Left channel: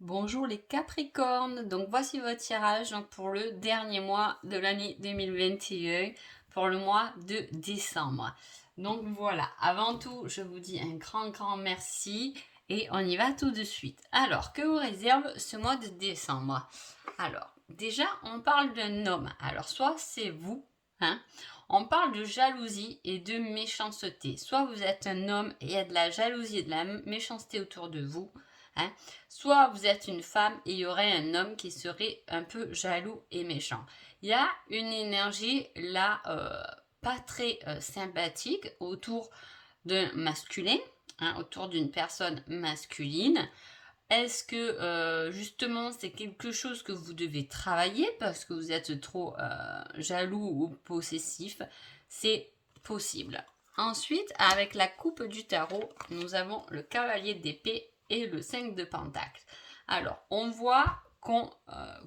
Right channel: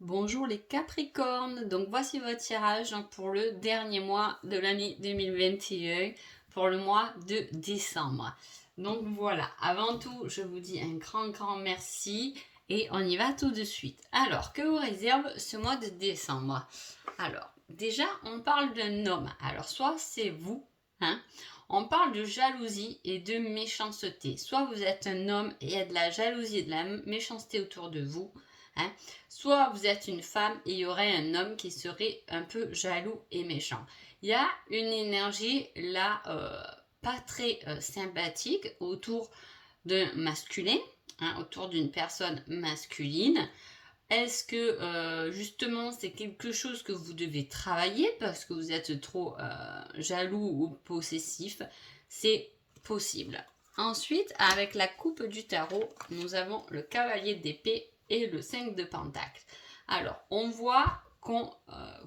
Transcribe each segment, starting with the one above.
Bonjour les Capricornes, donc voici votre tirage pour le dernier mois de l'année 2021, pour le mois de décembre. Donc voilà, avant tout, je vous dis un grand merci et on y va tout de suite. Alors, que vous réserve ce mois de décembre? Alors, déjà, on parle d'un homme. Alors, soit c'est vous, hein, on parle de jalousie et de méchanceté. Soit vous êtes un homme et il y a de la jalousie et de la méchanceté autour de vous, hein, soit vous êtes une femme et il y aurait un homme qui serait un peu jaloux et méchant. Il y a une énergie là pas très sympathique autour d'un masculin, hein, autour d'une personne masculine. Est-ce que justement c'est quelque chose que vous devez travailler parce que vous êtes trop jaloux ou possessif? C'est possible. Ensuite, avec la coupe du tarot, nous avons le cavalier d'épée et le 5 de pentacle. Alors, on voit qu'on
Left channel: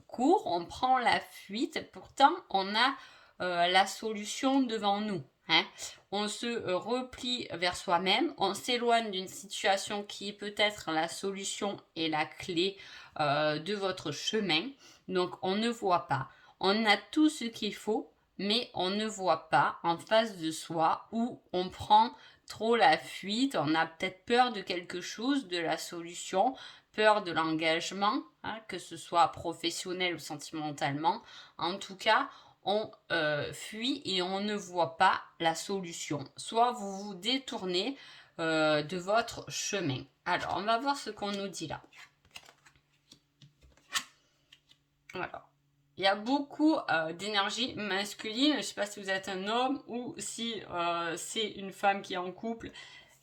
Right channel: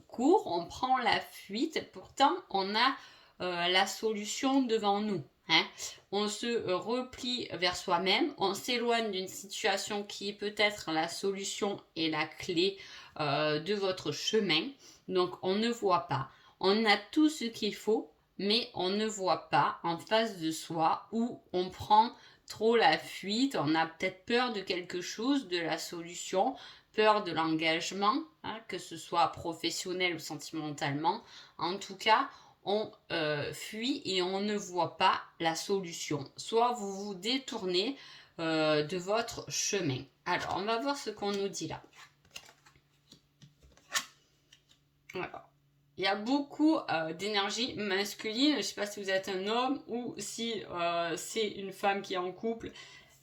court, on prend la fuite, pourtant on a la solution devant nous. Hein. On se replie vers soi-même, on s'éloigne d'une situation qui est peut-être la solution et la clé de votre chemin. Donc on ne voit pas. On a tout ce qu'il faut, mais on ne voit pas en face de soi où on prend trop la fuite, on a peut-être peur de quelque chose, de la solution, peur de l'engagement, hein, que ce soit professionnel ou sentimentalement. En tout cas, on fuit et on ne voit pas la solution. Soit vous vous détournez de votre chemin. Alors, on va voir ce qu'on nous dit là. Alors, il y a beaucoup d'énergie masculine. Je ne sais pas si vous êtes un homme ou si c'est une femme qui est en couple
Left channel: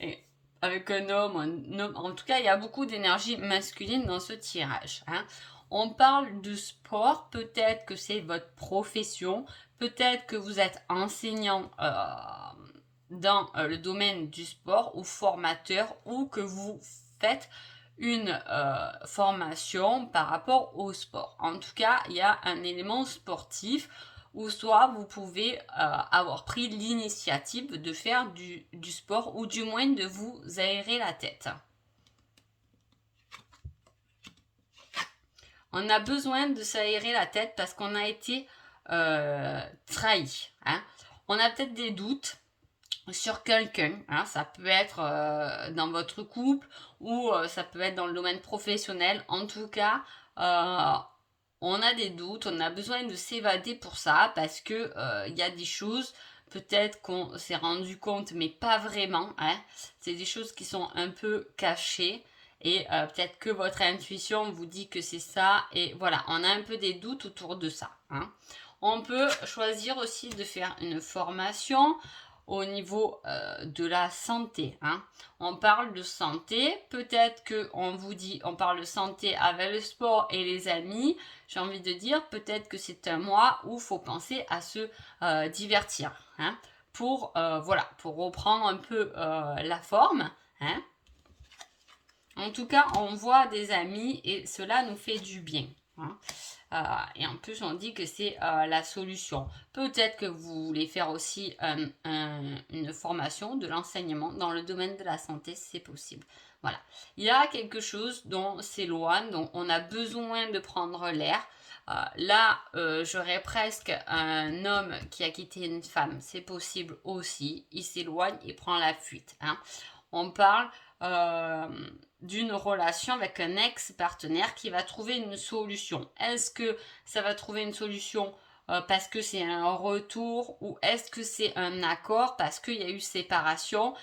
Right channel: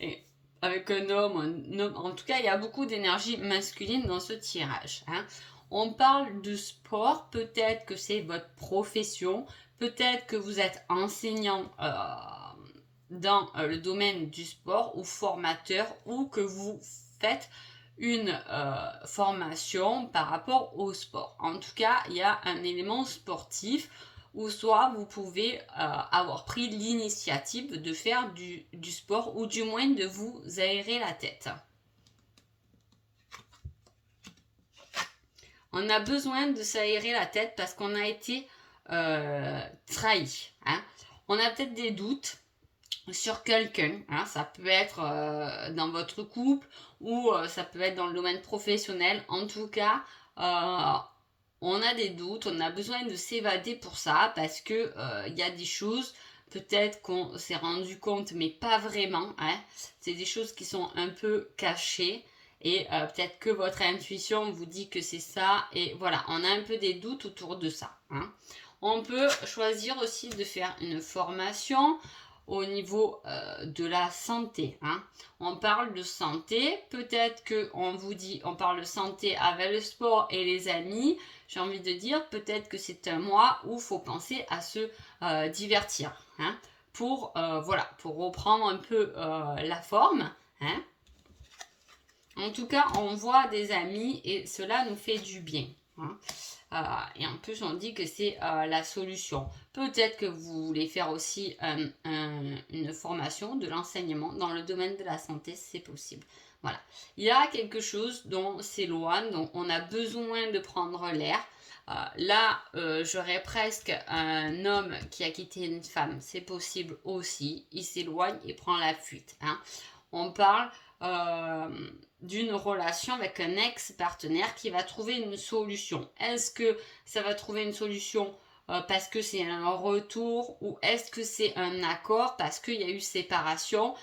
et avec un homme. En tout cas, il y a beaucoup d'énergie masculine dans ce tirage. Hein. On parle de sport. Peut-être que c'est votre profession. Peut-être que vous êtes enseignant dans le domaine du sport ou formateur ou que vous faites une formation par rapport au sport. En tout cas, il y a un élément sportif ou soit vous pouvez avoir pris l'initiative de faire du sport ou du moins de vous aérer la tête. On a besoin de s'aérer la tête parce qu'on a été trahi. Hein. On a peut-être des doutes sur quelqu'un. Hein. Ça peut être dans votre couple ou ça peut être dans le domaine professionnel. En tout cas, on a des doutes, on a besoin de s'évader pour ça parce que il y a des choses peut-être qu'on s'est rendu compte mais pas vraiment. Hein. C'est des choses qui sont un peu cachées. Et peut-être que votre intuition vous dit que c'est ça. Et voilà, on a un peu des doutes autour de ça. Hein. On peut choisir aussi de faire une formation au niveau de la santé. Hein. On parle de santé, peut-être qu'on vous dit, on parle de santé avec le sport et les amis. J'ai envie de dire, peut-être que c'est un mois où il faut penser à se divertir. Hein, pour, voilà, pour reprendre un peu la forme. Hein. En tout cas, on voit des amis et cela nous fait du bien. Hein. Et en plus, on dit que c'est la solution. Peut-être que vous voulez faire aussi une formation de l'enseignement dans le domaine de la santé, c'est possible. Voilà. Il y a quelque chose dont s'éloigne, dont on a besoin de prendre l'air. Là, j'aurais presque un homme qui a quitté une femme, c'est possible aussi. Il s'éloigne et prend la fuite. Hein. On parle d'une relation avec un ex-partenaire qui va trouver une solution. Est-ce que ça va trouver une solution parce que c'est un retour ou est-ce que c'est un accord parce qu'il y a eu séparation?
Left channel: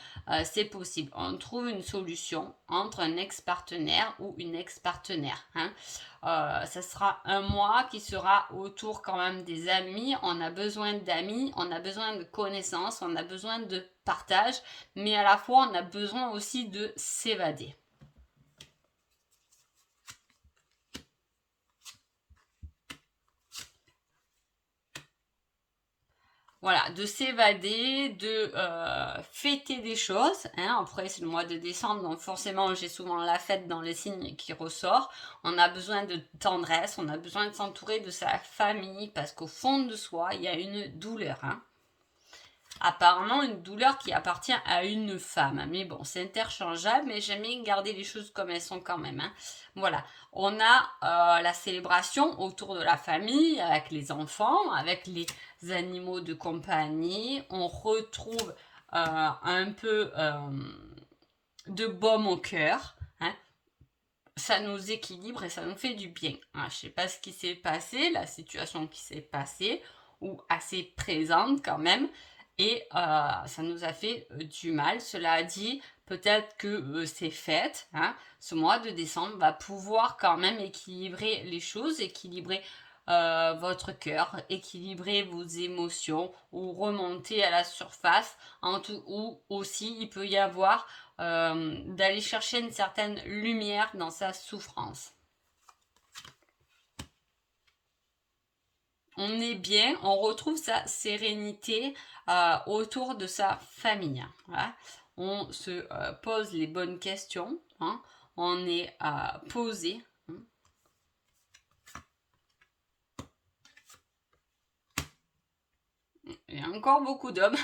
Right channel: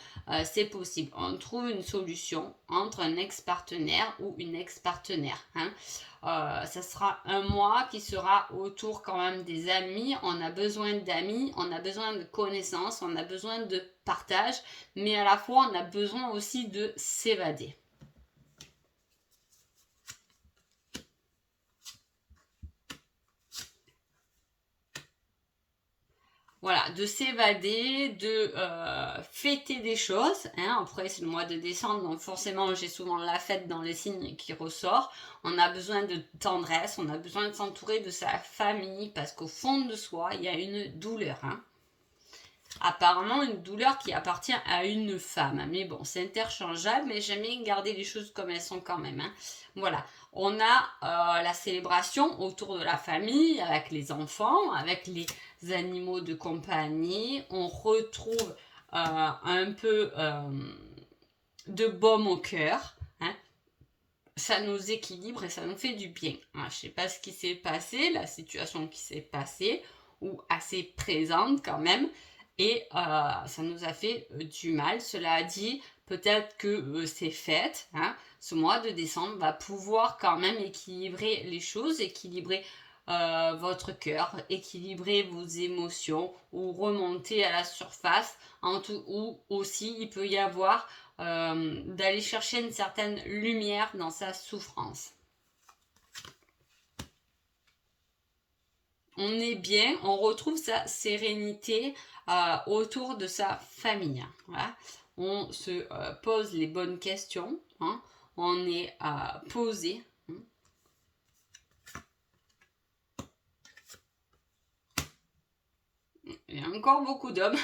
C'est possible. On trouve une solution entre un ex-partenaire ou une ex-partenaire. Hein. Ça sera un mois qui sera autour quand même des amis. On a besoin d'amis, on a besoin de connaissances, on a besoin de partage, mais à la fois on a besoin aussi de s'évader. Voilà, de s'évader, de fêter des choses. Hein. Après, c'est le mois de décembre, donc forcément, j'ai souvent la fête dans les signes qui ressort. On a besoin de tendresse, on a besoin de s'entourer de sa famille, parce qu'au fond de soi, il y a une douleur. Hein. apparemment une douleur qui appartient à une femme. Mais bon, c'est interchangeable, mais j'aime bien garder les choses comme elles sont quand même. Hein. Voilà, on a la célébration autour de la famille, avec les enfants, avec les animaux de compagnie. On retrouve un peu de baume au cœur. Hein. Ça nous équilibre et ça nous fait du bien. Hein. Je ne sais pas ce qui s'est passé, la situation qui s'est passée, ou assez présente quand même, et ça nous a fait du mal. Cela dit, peut-être que ces fêtes, hein, ce mois de décembre, va pouvoir quand même équilibrer les choses, équilibrer votre cœur, équilibrer vos émotions ou remonter à la surface, ou aussi il peut y avoir d'aller chercher une certaine lumière dans sa souffrance. On est bien, on retrouve sa sérénité autour de sa famille. Voilà. On se pose les bonnes questions, hein. On est posé. Hein. Il y a encore beaucoup d'hommes.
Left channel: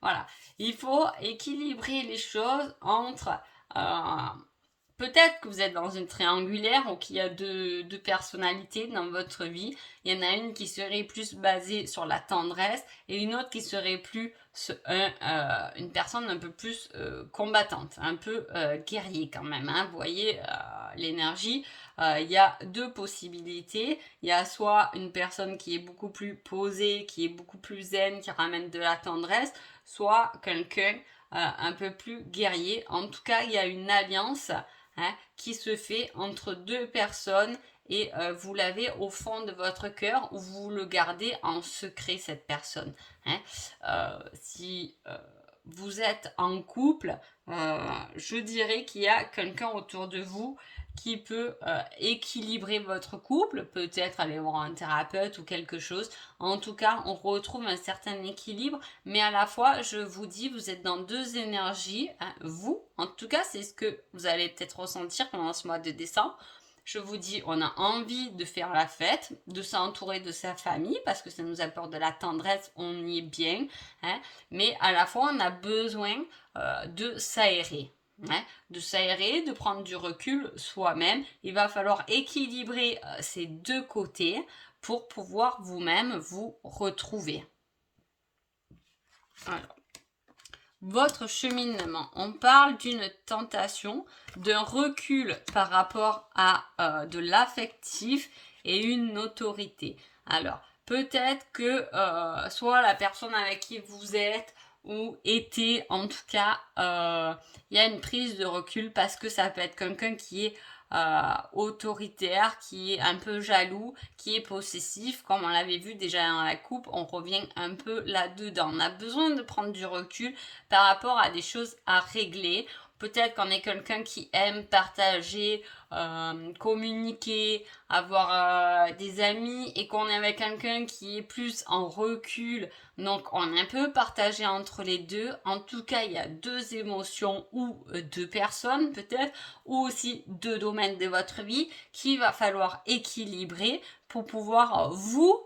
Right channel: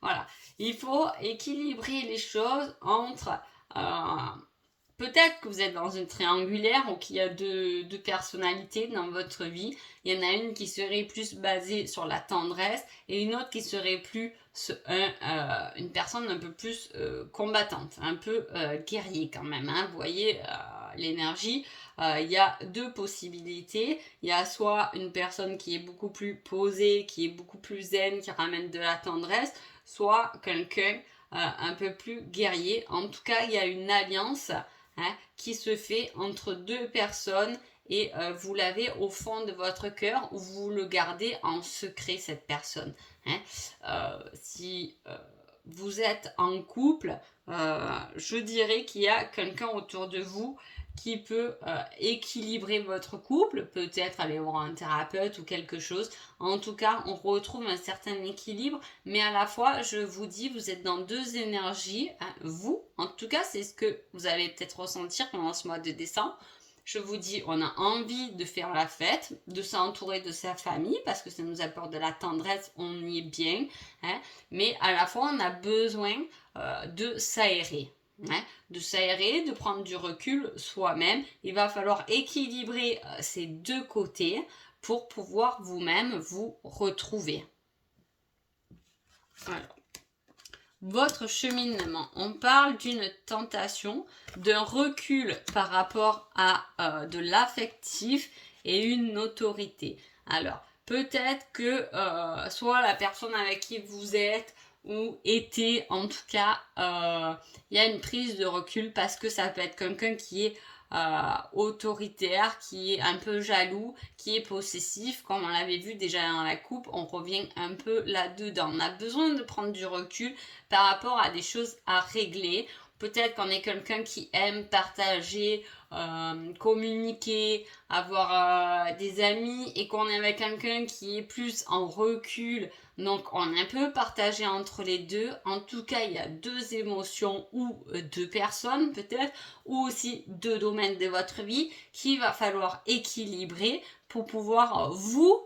Voilà. Il faut équilibrer les choses entre... peut-être que vous êtes dans une triangulaire ou qu'il y a deux personnalités dans votre vie. Il y en a une qui serait plus basée sur la tendresse et une autre qui serait plus une personne un peu plus combattante, un peu guerrier quand même. Hein. Vous voyez l'énergie. Il y a deux possibilités. Il y a soit une personne qui est beaucoup plus posée, qui est beaucoup plus zen, qui ramène de la tendresse, soit quelqu'un un peu plus guerrier. En tout cas, il y a une alliance qui se fait entre deux personnes et vous l'avez au fond de votre cœur ou vous le gardez en secret cette personne. Si vous êtes en couple, je dirais qu'il y a quelqu'un autour de vous qui peut équilibrer votre couple, peut-être aller voir un thérapeute ou quelque chose. En tout cas, on retrouve un certain équilibre, mais à la fois, je vous dis, vous êtes dans deux énergies. Hein, vous, en tout cas, c'est ce que vous allez peut-être ressentir pendant ce mois de décembre. Je vous dis, on a envie de faire la fête, de s'entourer de sa famille, parce que ça nous apporte de la tendresse, on y est bien. Hein, mais à la fois, on a besoin de s'aérer. Hein, de s'aérer, de prendre du recul soi-même. Il va falloir équilibrer ces deux côtés pour pouvoir vous-même vous retrouver. Alors, votre cheminement, on parle d'une tentation, d'un recul par rapport à de l'affectif et une autorité. Alors, peut-être que soit la personne avec qui vous êtes ou était, en tout cas, il y a une prise de recul parce que ça peut être quelqu'un qui est autoritaire, qui est un peu jaloux, qui est possessif, comme on l'avait vu déjà dans la coupe, on revient un peu là-dedans. On a besoin de prendre du recul par rapport à des choses à régler. Peut-être qu'on est quelqu'un qui aime partager, communiquer, avoir des amis et qu'on est avec quelqu'un qui est plus en recul. Donc on est un peu partagé entre les deux. En tout cas, il y a deux émotions ou deux personnes peut-être, ou aussi deux domaines de votre vie qu'il va falloir équilibrer pour pouvoir vous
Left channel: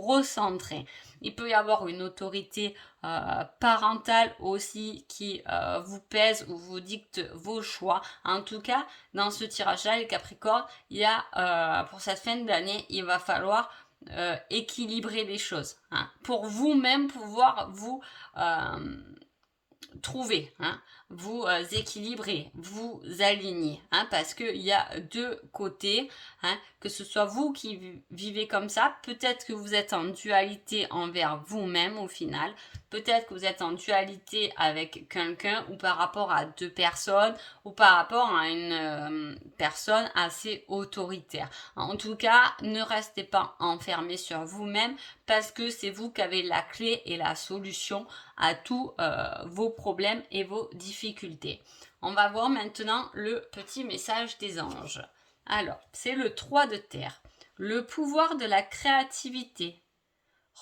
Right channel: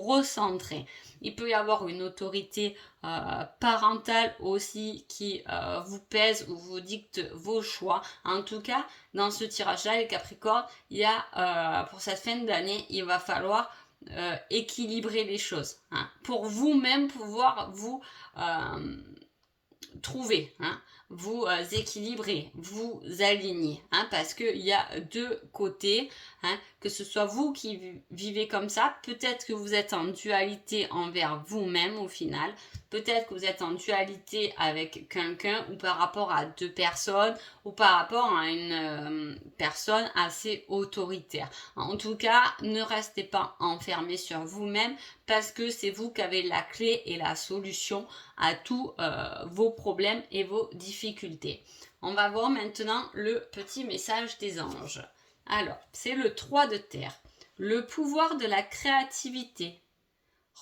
recentrer. Il peut y avoir une autorité parentale aussi qui vous pèse ou vous dicte vos choix. En tout cas, dans ce tirage-là, les Capricornes, il y a pour cette fin d'année, il va falloir équilibrer les choses. Hein, pour vous-même pouvoir vous trouver, hein, vous équilibrer, vous aligner, hein, parce qu'il y a deux côtés, hein, que ce soit vous qui vivez comme ça, peut-être que vous êtes en dualité envers vous-même au final, peut-être que vous êtes en dualité avec quelqu'un ou par rapport à deux personnes ou par rapport à une personne assez autoritaire. En tout cas, ne restez pas enfermé sur vous-même parce que c'est vous qui avez la clé et la solution à tous vos problèmes et vos difficultés. On va voir maintenant le petit message des anges. Alors, c'est le 3 de terre. Le pouvoir de la créativité.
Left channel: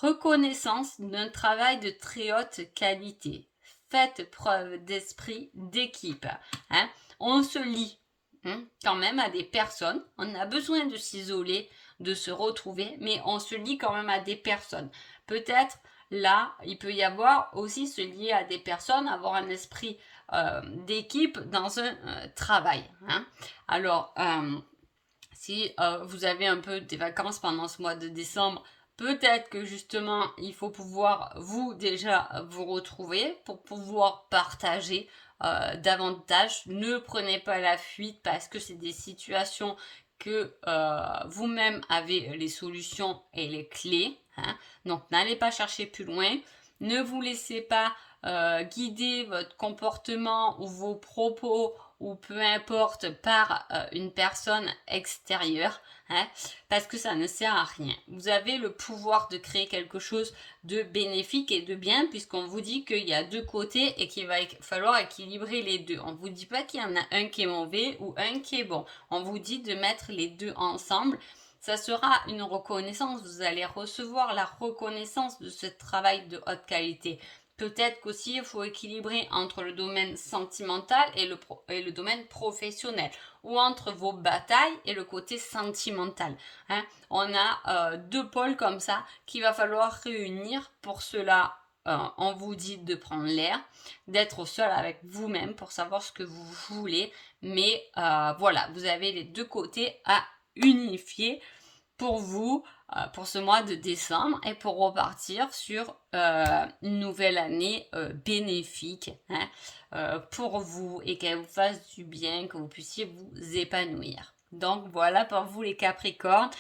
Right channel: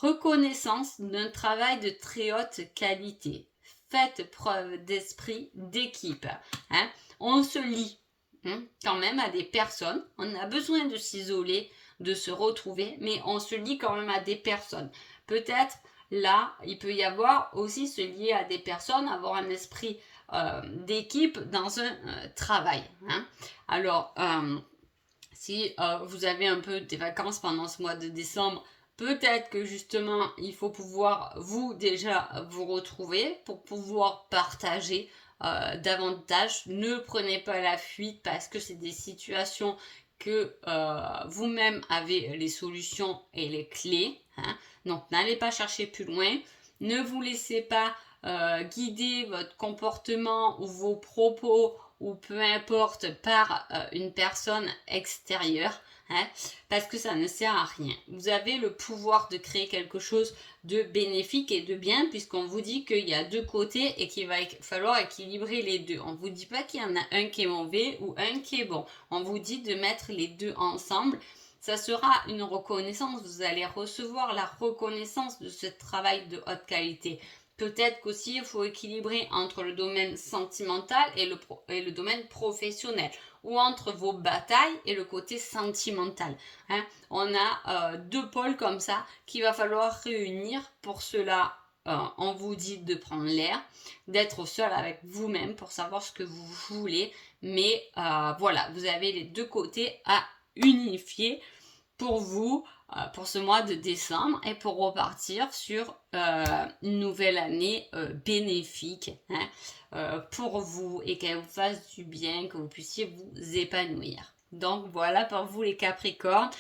Reconnaissance d'un travail de très haute qualité. Faites preuve d'esprit d'équipe. Hein. On se lie quand même à des personnes. On a besoin de s'isoler, de se retrouver, mais on se lie quand même à des personnes. Peut-être là, il peut y avoir aussi se lier à des personnes, avoir un esprit d'équipe dans un travail. Hein. Alors, si vous avez un peu des vacances pendant ce mois de décembre, peut-être que justement, il faut pouvoir vous déjà vous retrouver pour pouvoir partager davantage. Ne prenez pas la fuite parce que c'est des situations que vous-même avez les solutions et les clés. Hein. Donc, n'allez pas chercher plus loin. Ne vous laissez pas guider votre comportement ou vos propos ou peu importe par une personne extérieure, hein, parce que ça ne sert à rien. Vous avez le pouvoir de créer quelque chose de bénéfique et de bien, puisqu'on vous dit qu'il y a deux côtés et qu'il va falloir équilibrer les deux. On ne vous dit pas qu'il y en a un qui est mauvais ou un qui est bon. On vous dit de mettre les deux ensemble. Ça sera une reconnaissance. Vous allez recevoir la reconnaissance de ce travail de haute qualité. Peut-être qu'aussi il faut équilibrer entre le domaine sentimental et le domaine professionnel, ou entre vos batailles et le côté sentimental. Hein. On a deux pôles comme ça qu'il va falloir réunir. Pour cela, on vous dit de prendre l'air, d'être au seul avec vous-même pour savoir ce que vous voulez. Mais voilà, vous avez les deux côtés à unifier pour vous, pour ce mois de décembre et pour repartir sur une nouvelle année bénéfique, hein, pour vous et qu'elle vous fasse du bien, que vous puissiez vous épanouir. Donc voilà pour vous les Capricornes.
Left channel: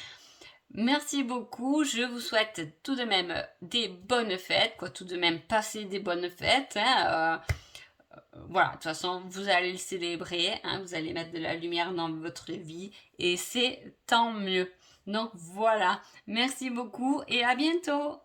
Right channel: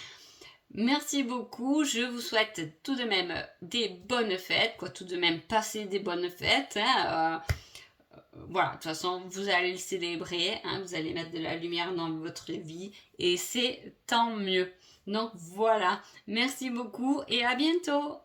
Merci beaucoup, je vous souhaite tout de même des bonnes fêtes, tout de même passer des bonnes fêtes. Hein, voilà, de toute façon, vous allez le célébrer, hein, vous allez mettre de la lumière dans votre vie et c'est tant mieux. Donc voilà, merci beaucoup et à bientôt.